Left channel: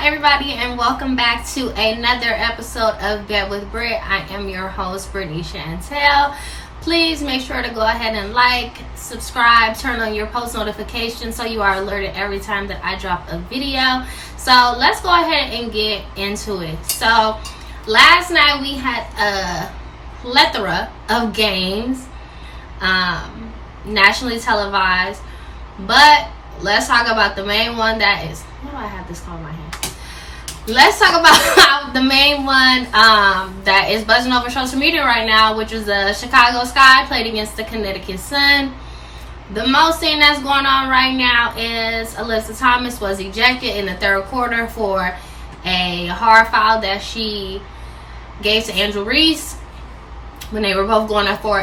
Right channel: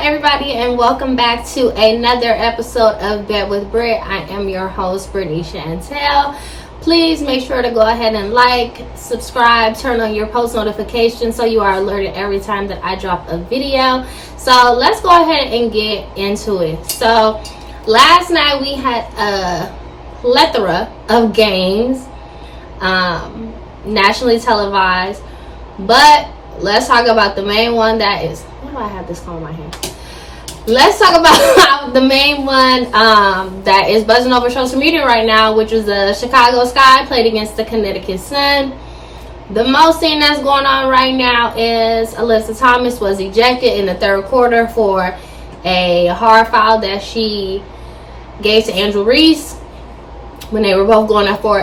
everybody, and welcome back to another episode of Bet with Brit. I am your host, Brittany Chantel. Please make sure to go ahead and like, subscribe, turn on your post notifications so you are alerted every time that I drop a video. So let's go ahead and get into it. So last night we had a plethora of games, nationally televised, but let's talk about the main one that is, why do I have this phone in my hand? Let's talk about the main one that is buzzing over social media right now, which is the Chicago Sky played against the Connecticut Sun. The most thing that's going on right now is Alyssa Thomas was ejected in the third quarter for a hard foul that she gave to Reese when they were both going up for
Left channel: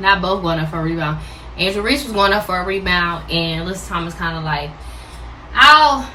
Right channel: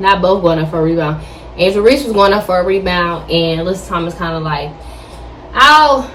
not both going up for a rebound. Reese was going up for a rebound, and Alyssa Thomas kind of like, I'll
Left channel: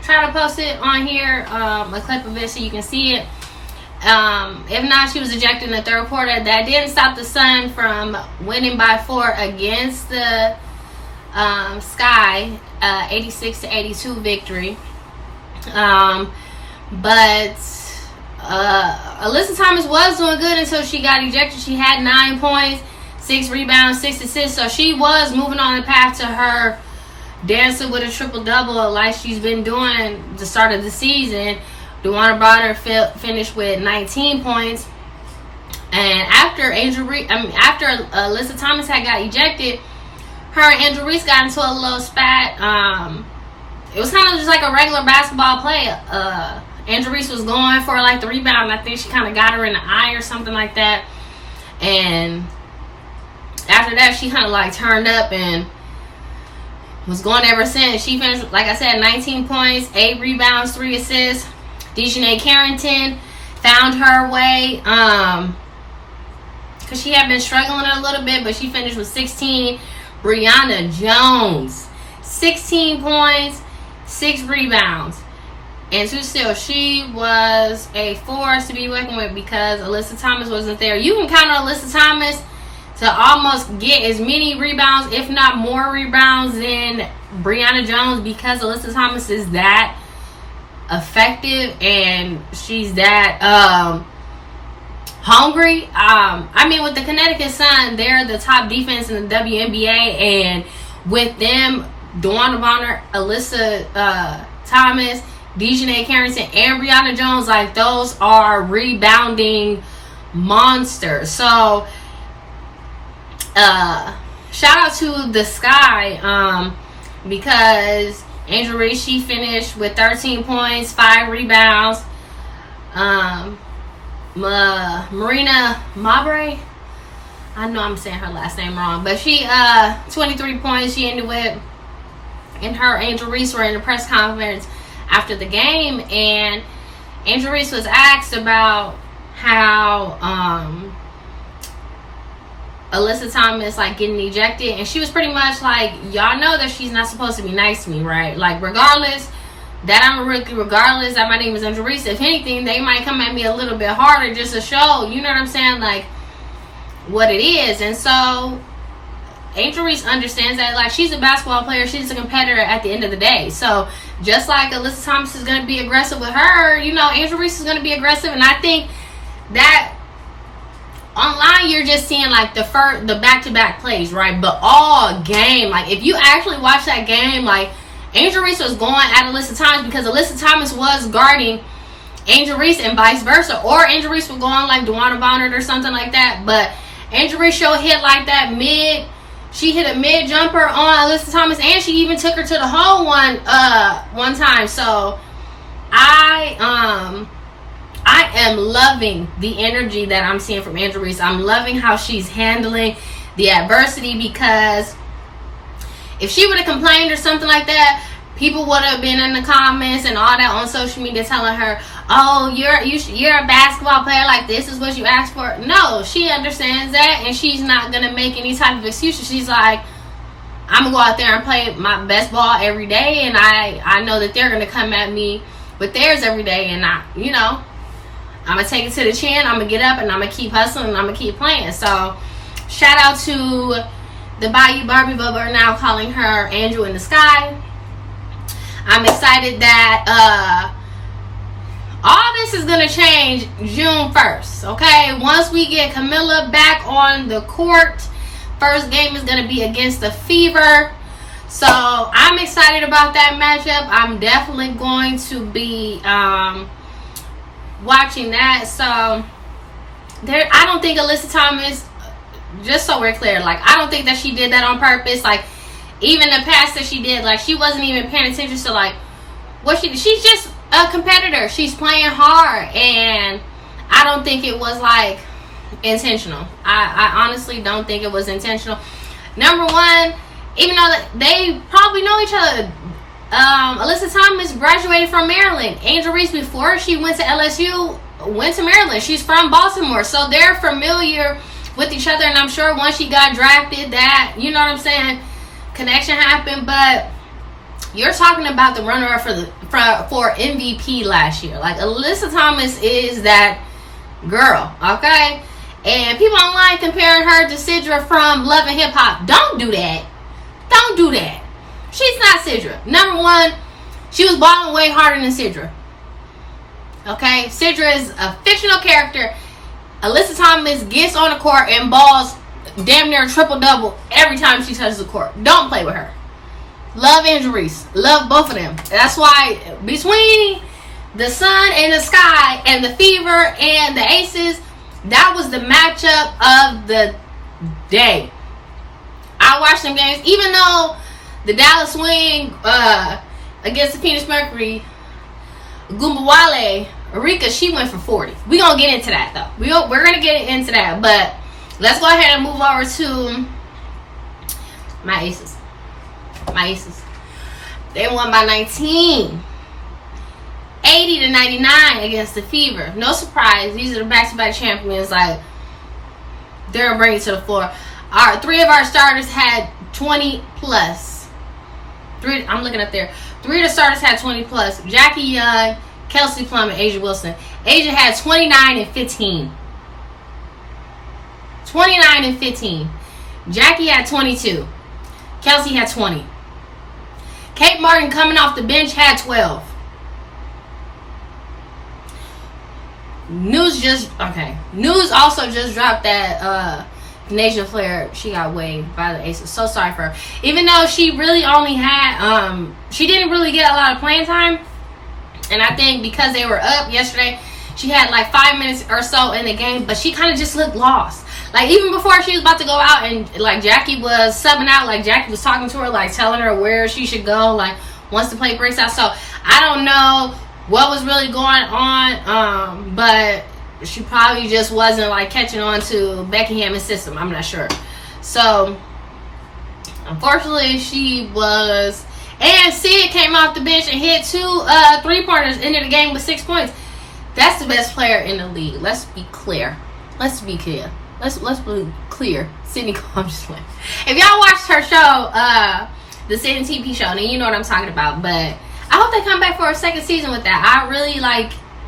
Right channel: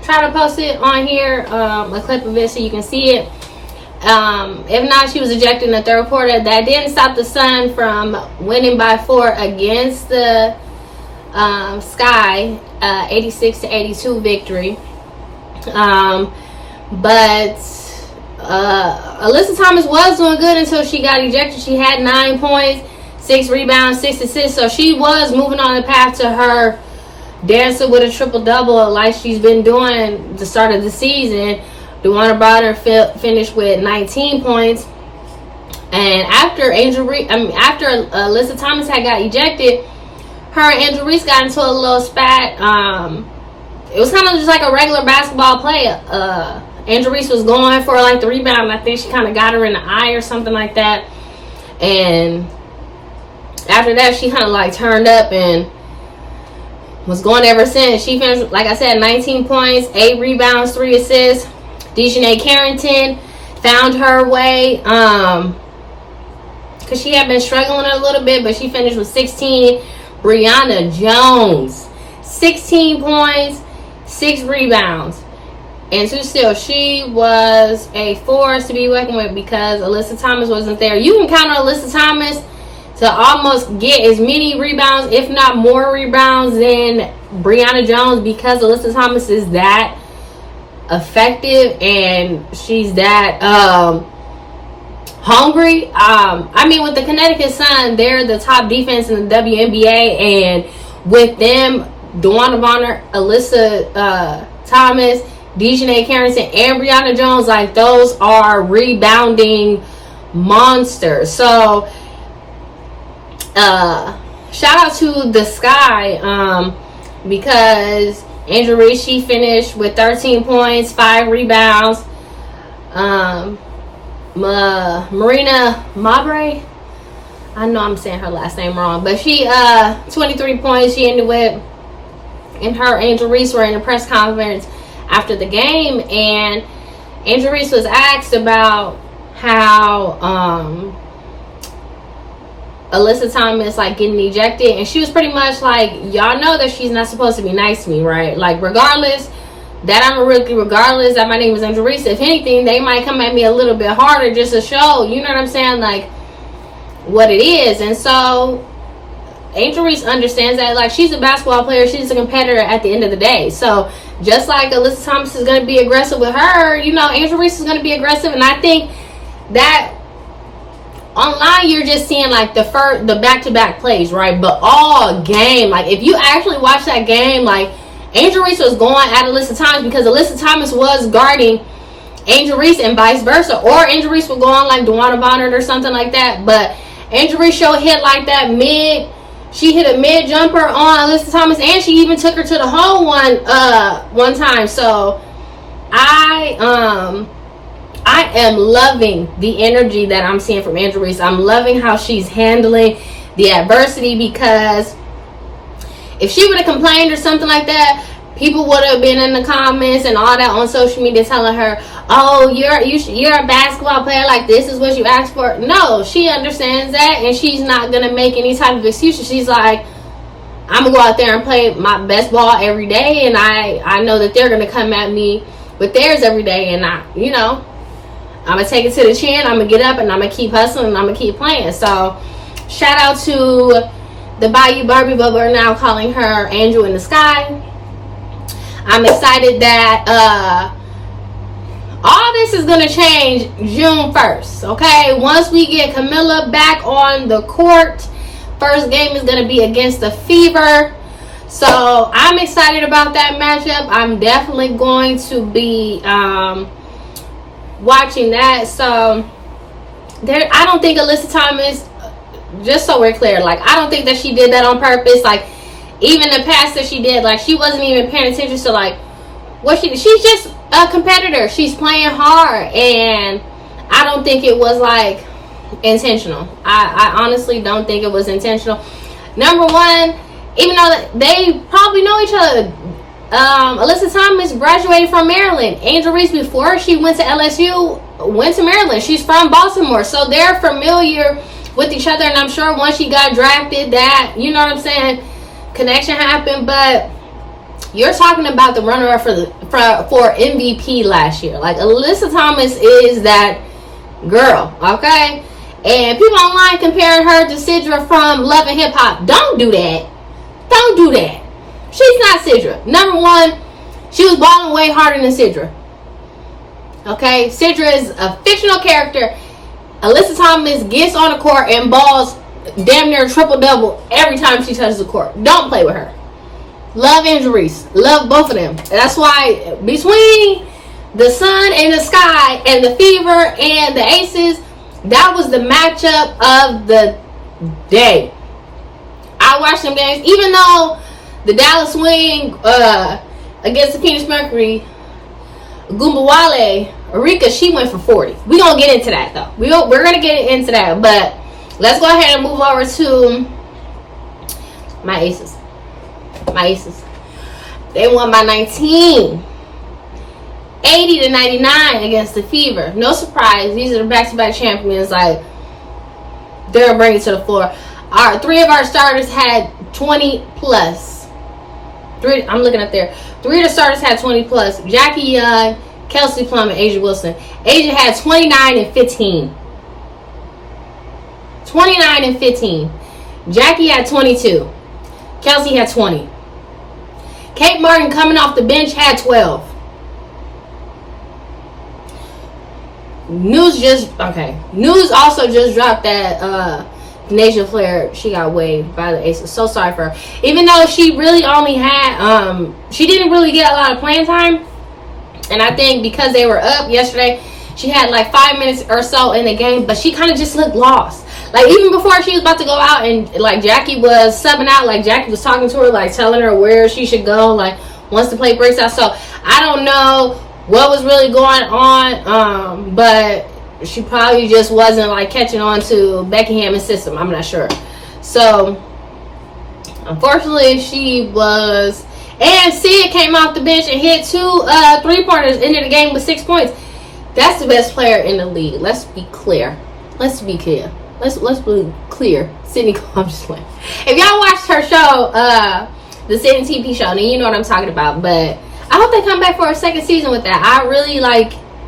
try to post it on here, a clip of it so you can see it. If not, she was ejected in the third quarter. That didn't stop the Sun from winning by 4 against the Sky, 86-82 victory. But Alyssa Thomas was doing good until she got ejected. She had 9 points, 6 rebounds, 6 assists. So she was moving on the path to her dancing with a triple-double like she's been doing the start of the season. Wnba finished with 19 points. And after Alyssa Thomas had got ejected, her and Reese got into a little spat. It was kind of just like a regular basketball play. Reese was going for like the rebound. I think she kind of got her in the eye or something like that. And after that, she kind of like turned up and was going ever since. She finished, like I said, 19 points, 8 rebounds, 3 assists. Dejanay Carrington found her way because she had been struggling a little bit, but she finished with 16. Brianna Jones, 16 points, 6 rebounds. And still, she was a force to be reckoned with because Alyssa Thomas wasn't there. You can count on Alyssa Thomas to almost get as many rebounds, if not more rebounds, than Brianna Jones, because Alyssa Thomas is that effective and she's that hungry. With the Connecticut Sun, they're the top defense in the WNBA, and with them, Wnba, Alyssa Thomas, Dejanay Carrington, and Brianna Jones, like, those are rebounding monsters. So shout out to the Sky because Reese, she finished with 13 points, 5 rebounds. Marina Mabre, I know I'm saying her last name wrong, but she 23 points she ended with. And her Reese were in a press conference after the game, and Reese was asked about how Alyssa Thomas like getting ejected, and she was pretty much like, y'all know that she's not supposed to be nice to me, right? Like, regardless that I'm a rookie, regardless that my name is Reese, if anything, they might come at me a little bit harder just to show, you know what I'm saying, like, what it is. And so Reese understands that, like, she's a basketball player, she's a competitor at the end of the day. So just like Alyssa Thomas is going to be aggressive with her, you know, Reese is going to be aggressive. And I think that online you're just seeing like the back-to-back plays, right? But all game, like, if you actually watch that game, like, Reese was going at Alyssa Thomas because Alyssa Thomas was guarding Reese and vice versa, or Reese would go on like Wnba or something like that. But Reese showed hit like that she hit a mid jumper on Alyssa Thomas, and she even took her to the hole one time. So I am loving the energy that I'm seeing from Reese. I'm loving how she's handling the adversity, because if she would have complained or something like that, people would have been in the comments and all that on social media telling her, oh, you're a basketball player, like, this is what you asked for. No, she understands that, and she's not going to make any type of excuses. She's like, I'm going to go out there and play my best ball every day, and I know that they're going to come at me with theirs every day, and I'm going to take it to the chin, I'm going to get up, and I'm going to keep hustling, and I'm going to keep playing. So shout out to the Bayou Barbie, but we're now calling her Angel in the Sky. I'm excited that all this is going to change June 1st, okay? Once we get Camilla back on the court, first game is going to be against the Fever. So I'm excited about that matchup. I'm definitely going to be watching that. So I don't think Alyssa Thomas, just so we're clear, like, I don't think that she did that on purpose. Like, even the pass that she did, like, she wasn't even paying attention to, like, what she's just a competitor. She's playing hard, and I don't think it was, like, intentional. I honestly don't think it was intentional. Number one, even though they probably know each other, Alyssa Thomas graduated from Maryland. Angel Reese, before she went to LSU, went to Maryland. She's from Baltimore, so they're familiar with each other, and I'm sure once she got drafted, that, you know what I'm saying, connection happened. But you're talking about the runner-up for MVP last year. Like, Alyssa Thomas is that girl, okay? And people online comparing her to Sidra from Love and Hip Hop. Don't do that. Don't do that. She's not Sidra. Number one, she was balling way harder than Sidra. Okay? Sidra is a fictional character. Alyssa Thomas gets on the court and balls damn near triple-double every time she touches the court. Don't play with her. Love Angel Reese. Love both of them. That's why between the Sun and the Sky and the Fever and the Aces, that was the matchup of the day. I watched them games, even though the Dallas Swing against the Phoenix Mercury, Wnba, Arike, she went for 40. We're going to get into that, though. We're going to get into that. But let's go ahead and move over to my Aces. My Aces. They won by 19. 80-99 against the Fever. No surprise. These are the back-to-back champions. Like, they'll bring it to the floor. Three of our starters had 20 plus. I'm looking up there. Three of the starters had 20 plus. Jackie Young, Kelsey Plum, and Asia Wilson. Asia had 29 and 15. 29 and 15. Jackie had 22. Kelsey had 20. Kate Martin, coming off the bench, had 12. News also just dropped that Nasia Flair, she got waived by the Aces. So sorry for her. Even though she really only had she didn't really get a lot of playing time, and I think because they were up yesterday, she had like 5 minutes or so in the game, but she kind of just looked lost. Like, even before she was about to go out and like Jackie was subbing out, like Jackie was talking to her, like telling her where she should go, like once the play breaks out. So I don't know what was really going on, but she probably just wasn't like catching on to Becky Hammond's system. I'm not sure. So unfortunately, she was. And Sid came off the bench and hit 2 3-pointers, ended the game with 6 points. That's the best player in the league. Let's be clear. Let's be clear. Sydney, I'm just playing. If y'all watched her show, the Sydney TP show, then you know what I'm talking about. But I hope they come back for a second season with that. I really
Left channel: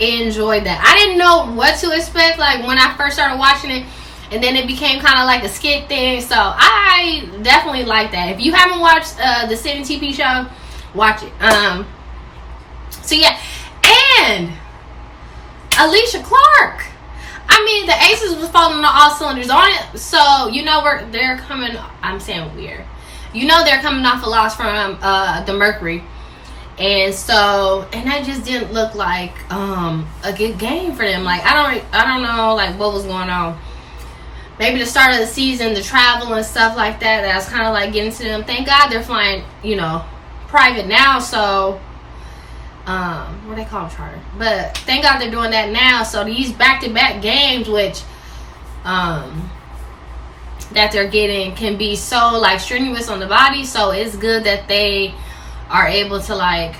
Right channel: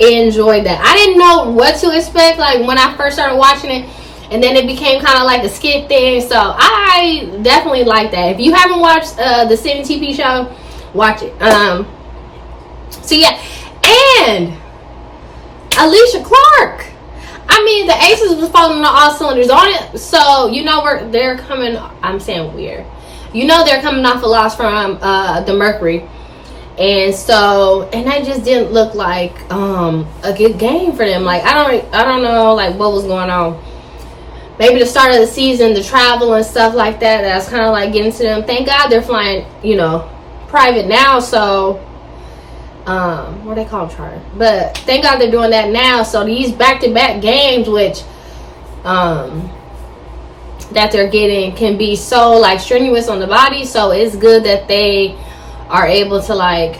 enjoyed that. I didn't know what to expect like when I first started watching it, and then it became kind of like a skit thing. So I definitely like that. If you haven't watched the Sydney TP show, watch it. So yeah, and Alicia Clark. I mean, the Aces was falling on all cylinders on it. So you know they're coming. I'm saying weird. You know they're coming off a loss from the Mercury. And so, and that just didn't look like a good game for them. Like, I don't know like what was going on. Maybe the start of the season, the travel and stuff like that, that's kind of like getting to them. Thank God they're flying, private now. So, what they call them, charter. But thank God they're doing that now. So these back-to-back games, which that they're getting, can be so like strenuous on the body. So it's good that they are able to like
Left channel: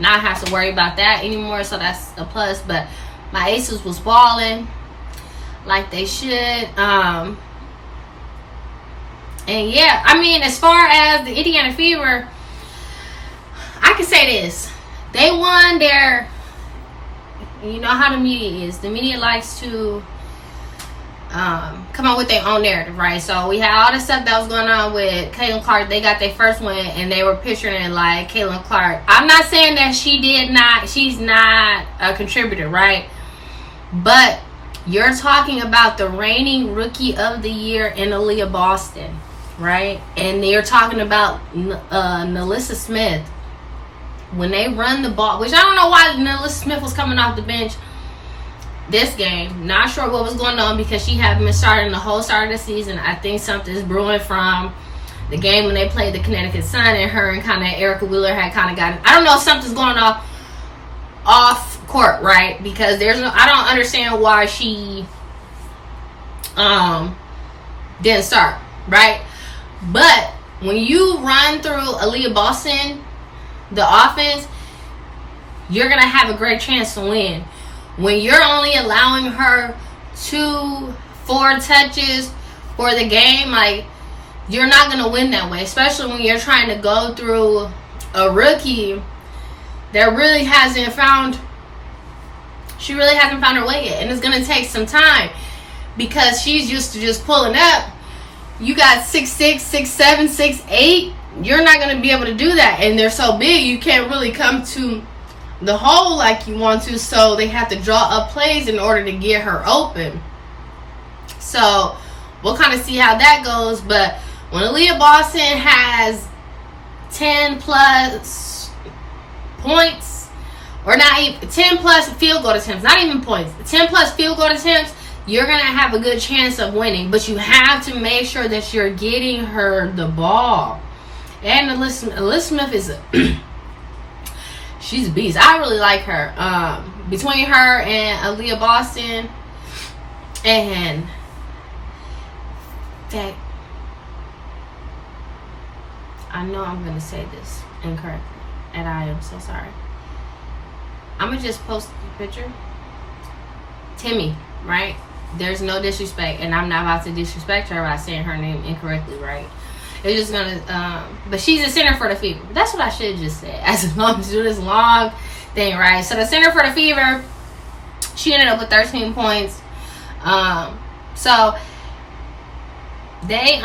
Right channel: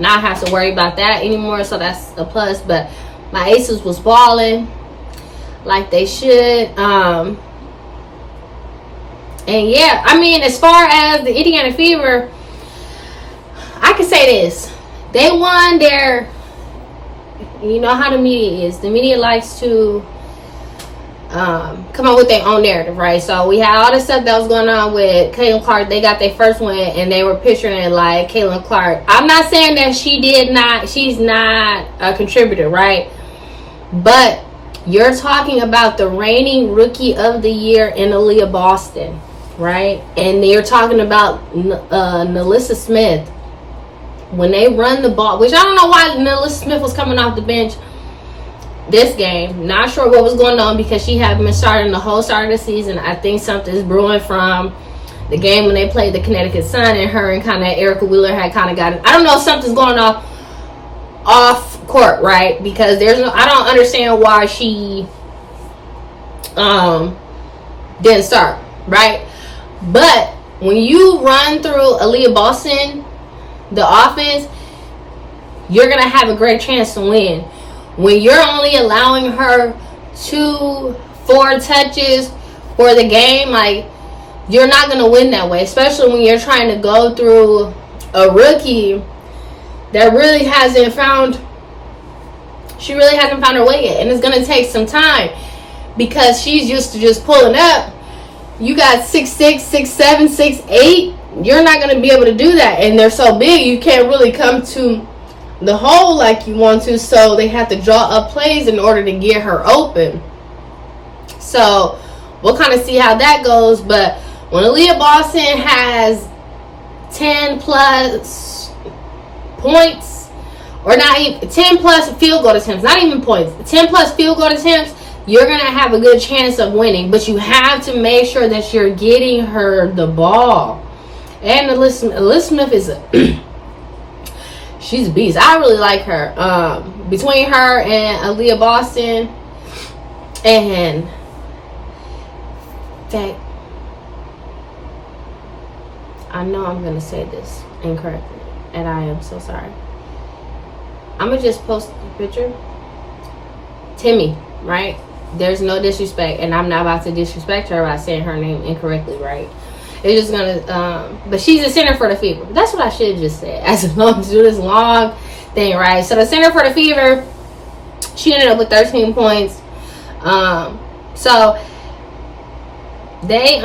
not have to worry about that anymore. So that's a plus. But my Aces was balling like they should. And yeah, I mean, as far as the Indiana Fever, I can say this: they won their. You know how the media is. The media likes to come up with their own narrative, right? So we had all this stuff that was going on with Caitlin Clark. They got their first win, and they were picturing it like Caitlin Clark. I'm not saying that she's not a contributor, right? But you're talking about the reigning rookie of the year in Aaliyah Boston, right? And you're talking about Alyssa Smith. When they run the ball, which I don't know why Alyssa Smith was coming off the bench this game. Not sure what was going on, because she hadn't been starting the whole start of the season. I think something's brewing from the game when they played the Connecticut Sun, and her and kind of Erica Wheeler had kind of gotten, I don't know if something's going off court, right? Because I don't understand why she didn't start, right? But when you run through Aaliyah Boston, the offense, you're gonna have a great chance to win. When you're only allowing her 2-4 touches for the game, like, you're not going to win that way, especially when you're trying to go through a rookie that really hasn't found her way yet, and it's going to take some time, because she's used to just pulling up. You got 6'6", 6'7", 6'8". You're not going to be able to do that, and they're so big you can't really come to the hole like you want to, so they have to draw up plays in order to get her open. So we'll kind of see how that goes. But when Aaliyah Boston has 10 plus points, or not even 10 plus field goal attempts, not even points, 10 plus field goal attempts, you're gonna have a good chance of winning. But you have to make sure that you're getting her the ball. And Alyssa Smith is she's a beast. I really like her. Between her and Aaliyah Boston, and that, I know I'm gonna say this incorrectly, and I am so sorry. I'm gonna just post the picture. Timmy, right? There's no disrespect, and I'm not about to disrespect her by saying her name incorrectly, right? It's just gonna, but she's the center for the Fever. That's what I should just say. As long as you do this long thing, right? So the center for the Fever, she ended up with 13 points. So they,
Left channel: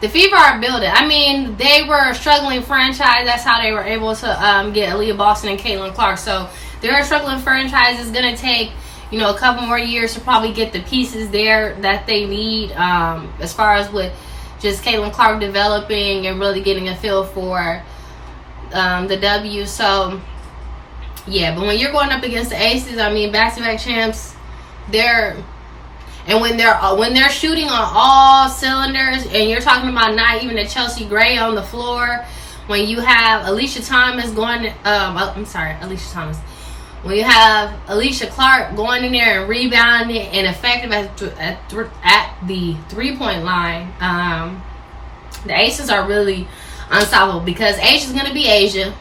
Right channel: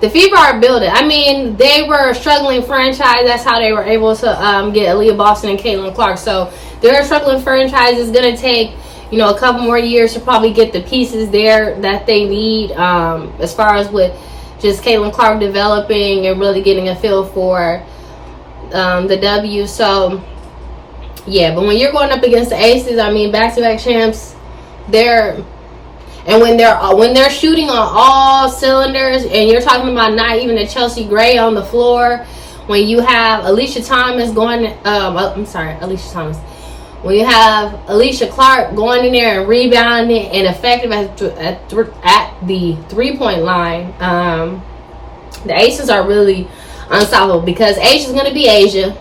the Fever are building. I mean, they were a struggling franchise. That's how they were able to get Aaliyah Boston and Caitlin Clark. So they're a struggling franchise. It's gonna take, you know, a couple more years to probably get the pieces there that they need, as far as with just Caitlin Clark developing and really getting a feel for the W. So yeah, but when you're going up against the Aces, I mean, back-to-back champs, when they're shooting on all cylinders, and you're talking about not even a Chelsea Gray on the floor, when you have Alyssa Thomas when you have Alicia Clark going in there and rebounding and effective at the three-point line, the Aces are really unstoppable, because Asia's going to be Asia.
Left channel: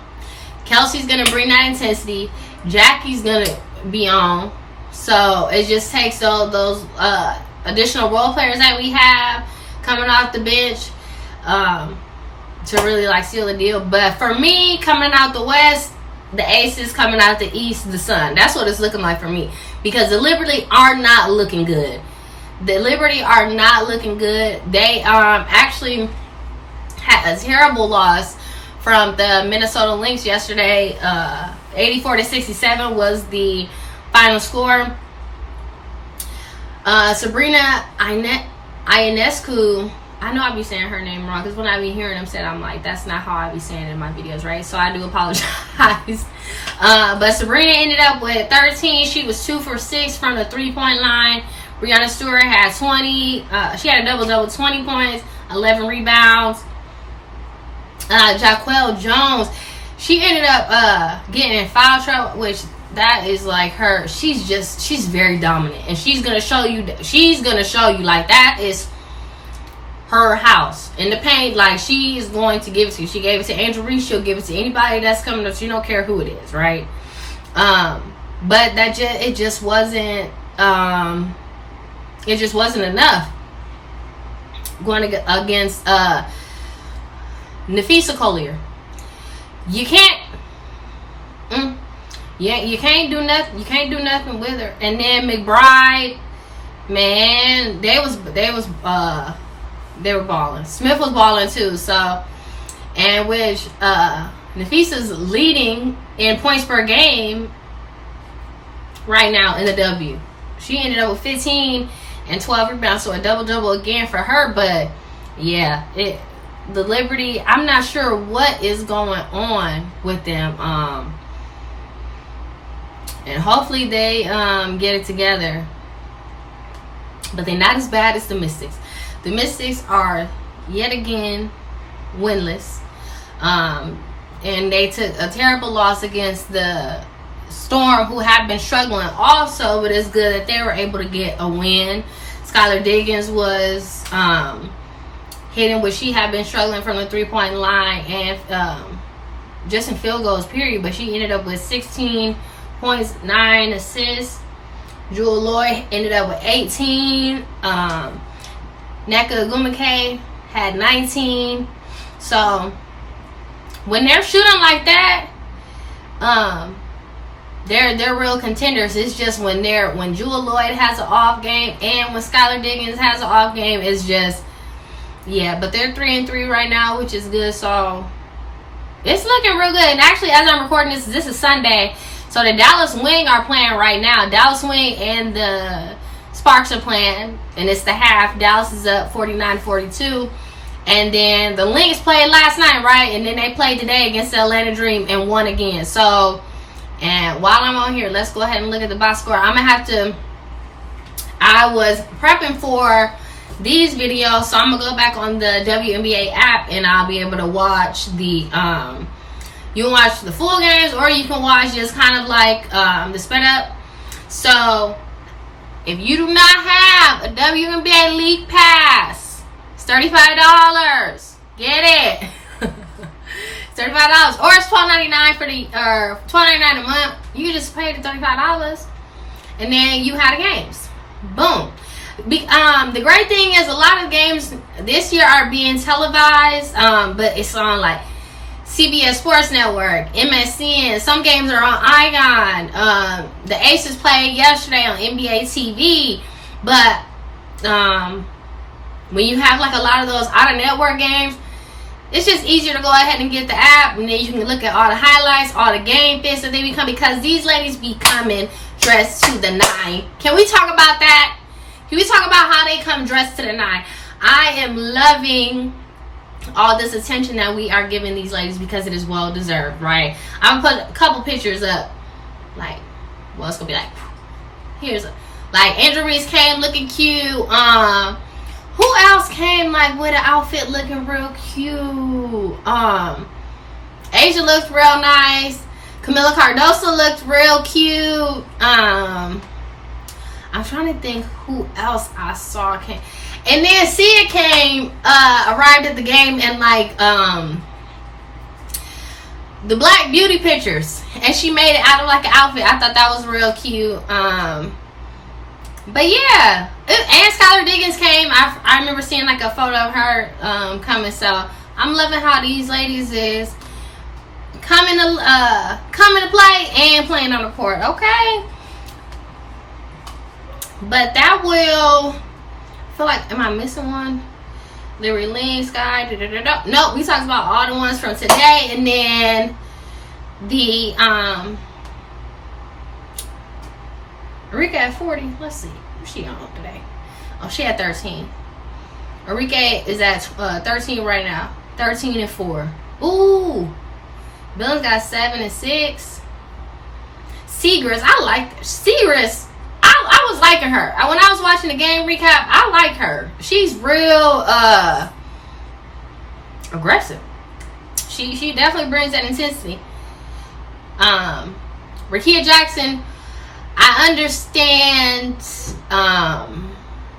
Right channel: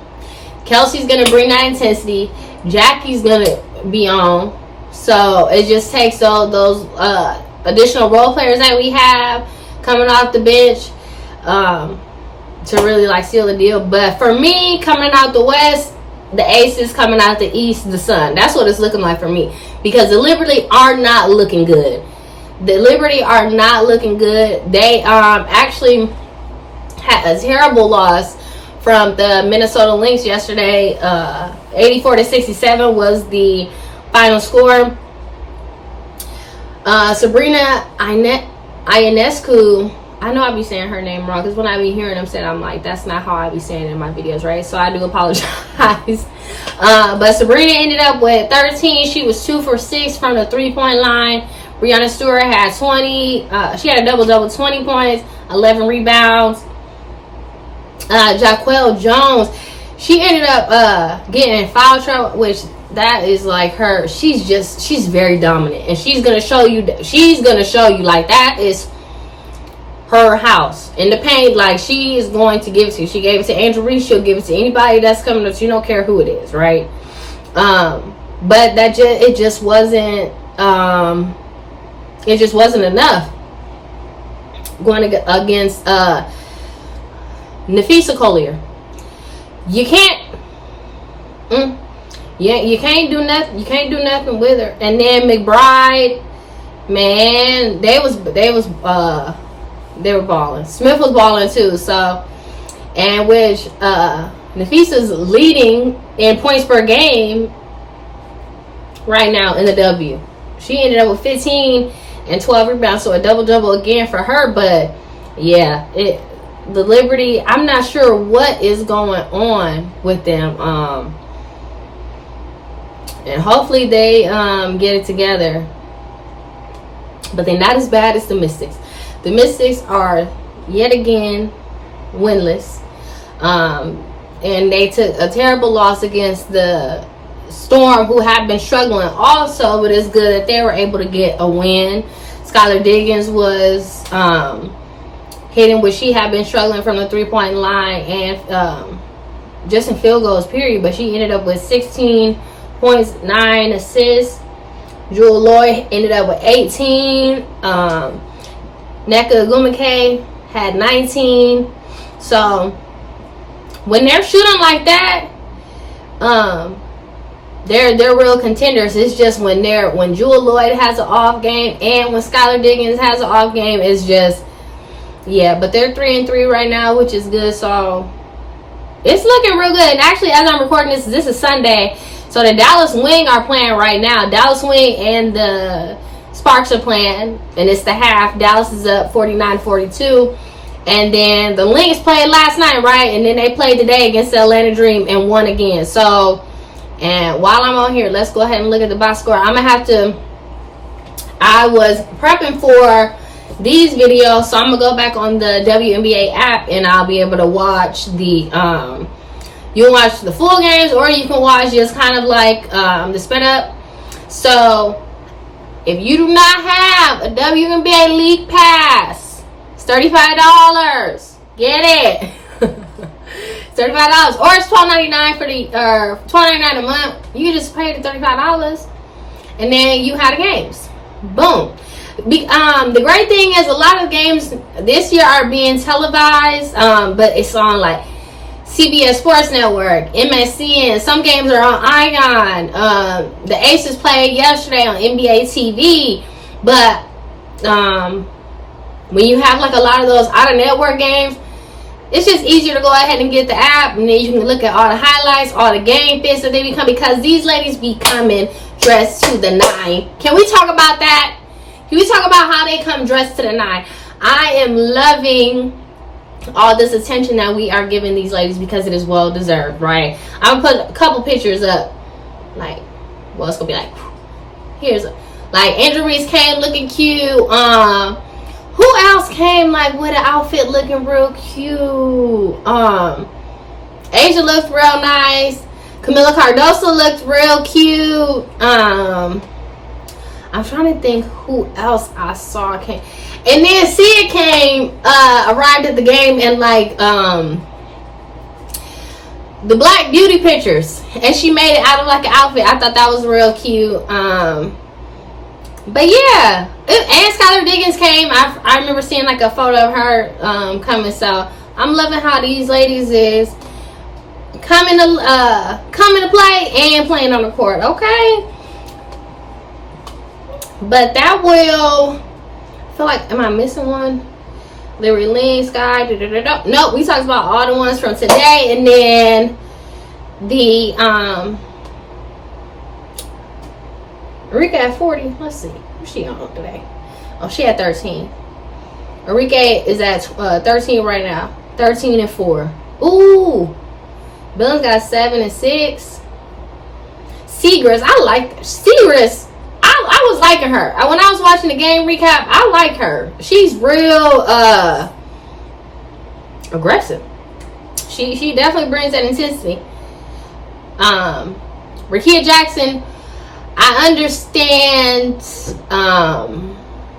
Kelsey's going to bring that intensity. Jackie's going to be on. So it just takes those additional role players that we have coming off the bench to really like seal the deal. But for me, coming out the West, the Aces, coming out the East, the Sun. That's what it's looking like for me, because the Liberty are not looking good. They actually had a terrible loss from the Minnesota Lynx yesterday. 84-67 was the final score. Sabrina Ionescu, I know I be saying her name wrong, because when I be hearing them said, I'm like, that's not how I be saying it in my videos, right? So I do apologize. But Sabrina ended up with 13. She was 2 for 6 from the three-point line. Breanna Stewart had 20. She had a double-double, 20 points, 11 rebounds. Jaquel Jones, she ended up getting in foul trouble, which that is like her. She's very dominant, and she's gonna show you like that is her house in the paint. Like, she is going to give it to you. She gave it to Andrew Reese. She'll give it to anybody that's coming up. She don't care who it is, right? But it just wasn't enough going against Nafisa Collier. You Yeah, you can't do nothing. You can't do nothing with her. And then McBride, man, they were balling. Smith was balling too. So, and which Nafisa's leading in points per game right now in the W. She ended up with 15 and 12 rebounds, so a double-double again for her. But yeah, the Liberty, I'm not sure what is going on with them. And hopefully they get it together. But they're not as bad as the Mystics. The Mystics are yet again winless. And they took a terrible loss against the Storm, who have been struggling also, but it's good that they were able to get a win. Skylar Diggins was hitting what she had been struggling from the three-point line and just in field goals, period. But she ended up with 16 points, 9 assists. Jewel Lloyd ended up with 18. Neka Gumake had 19. So when they're shooting like that, they're real contenders. It's just when Jewel Lloyd has an off game and when Skylar Diggins has an off game, it's just, yeah. But they're 3-3 right now, which is good. So it's looking real good. And actually, as I'm recording this is Sunday. So the Dallas Wing are playing right now. Dallas Wing and the Sparks are playing, and it's the half. Dallas is up 49-42. And then the Lynx played last night, right? And then they played today against the Atlanta Dream and won again. So, and while I'm on here, let's go ahead and look at the box score. I'm going to have to, I was prepping for these videos, so I'm going to go back on the WNBA app and I'll be able to watch the, you can watch the full games or you can watch just kind of like the sped up. So, if you do not have a WNBA League Pass, it's $35. Get it. It's $35, or it's $12.99 for the $12.99 a month. You can just pay the $35, and then you have the games. Boom. The great thing is a lot of games this year are being televised, but it's on like CBS Sports Network, MSN. Some games are on Ion. The Aces played yesterday on NBA TV, but when you have like a lot of those out of network games, it's just easier to go ahead and get the app, and then you can look at all the highlights, all the game fits that they become, because these ladies be coming dressed to the nine. Can we talk about that? Can we talk about how they come dressed to the nine? I am loving all this attention that we are giving these ladies because it is well deserved, right? I'm gonna put a couple pictures up, like, well, it's gonna be like, here's like Angel Reese came looking cute. Who else came like with an outfit looking real cute? Asia looked real nice. Camila Cardoso looked real cute. I'm trying to think who else I saw came. And then Sia came, arrived at the game and like the Black Beauty pictures, and she made it out of like an outfit. I thought that was real cute. But yeah, and Skylar Diggins came. I remember seeing like a photo of her coming. So I'm loving how these ladies is coming to play and playing on the court. Okay, but that will. I feel like, am I missing one? Larry Lynn, Sky. Nope, we talked about all the ones from today, and then the Arike at 40. Let's see. What's she on today? Oh, she at 13. Arike is at 13 right now. 13-4. Ooh. Billings got 7 and 6. Seagrass, I like Seagrass. I was liking her. When I was watching the game recap, I like her. She's real aggressive. She definitely brings that intensity. Rickea Jackson, I understand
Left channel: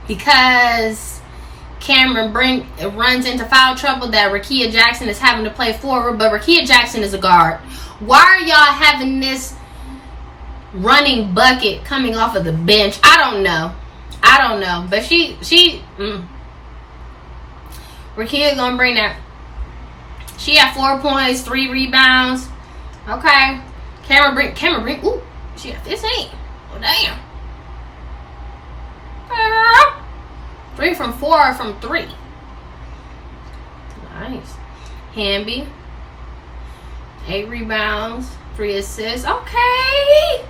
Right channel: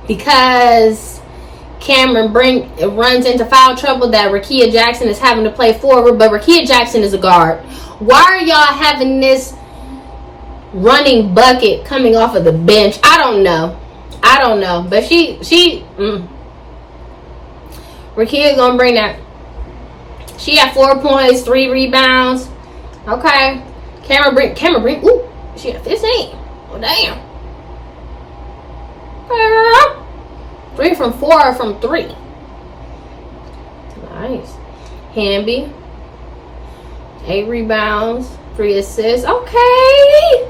because Cameron runs into foul trouble that Rickea Jackson is having to play forward, but Rickea Jackson is a guard. Why are y'all having this running bucket coming off of the bench? I don't know. But Rickea gonna bring that. She had 4 points, 3 rebounds. Okay. Camera bring. Ooh, she got 15. Oh, damn. 3 from 4 from 3. Nice. Wnba, 8 rebounds, 3 assists. Okay.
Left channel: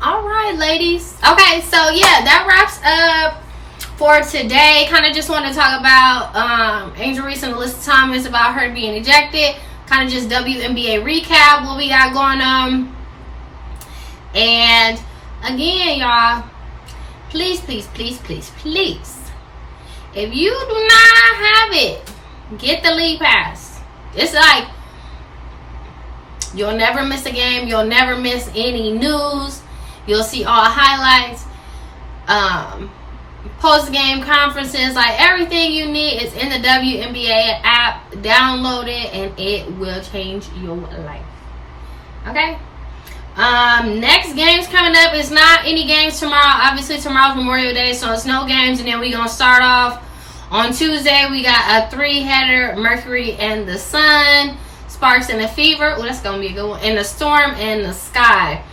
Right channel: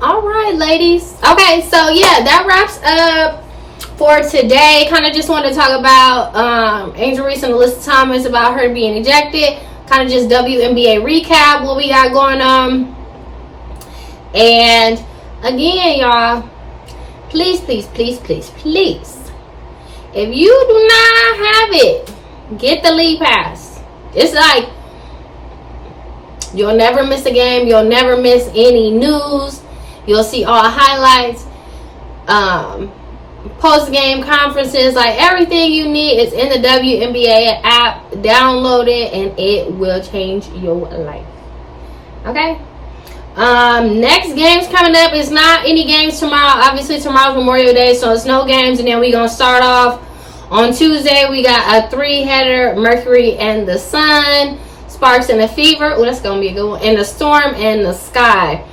All right, ladies. Okay, so yeah, that wraps up for today. Kind of just wanted to talk about Angel Reese and Alyssa Thomas, about her being ejected. Kind of just WNBA recap, what we got going on. And again, y'all, please, if you do not have it, get the league pass. It's like you'll never miss a game. You'll never miss any news. You'll see all highlights, post-game conferences, like everything you need is in the WNBA app. Download it and it will change your life. Okay? Next games coming up is not any games tomorrow. Obviously, tomorrow's Memorial Day, so it's no games. And then we're going to start off on Tuesday. We got a 3-header, Mercury and the Sun, Sparks and the Fever. Oh, that's going to be a good one. And the Storm and the Sky.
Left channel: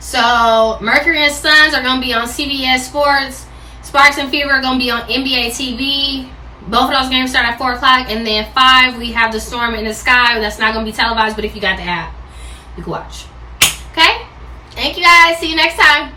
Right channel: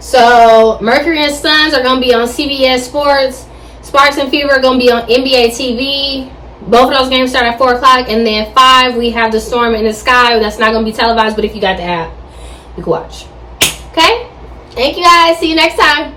So Mercury and Suns are going to be on CBS Sports. Sparks and Fever are going to be on NBA TV. Both of those games start at 4 o'clock. And then 5, we have the Storm in the Sky. That's not going to be televised, but if you got the app, you can watch. Okay? Thank you, guys. See you next time.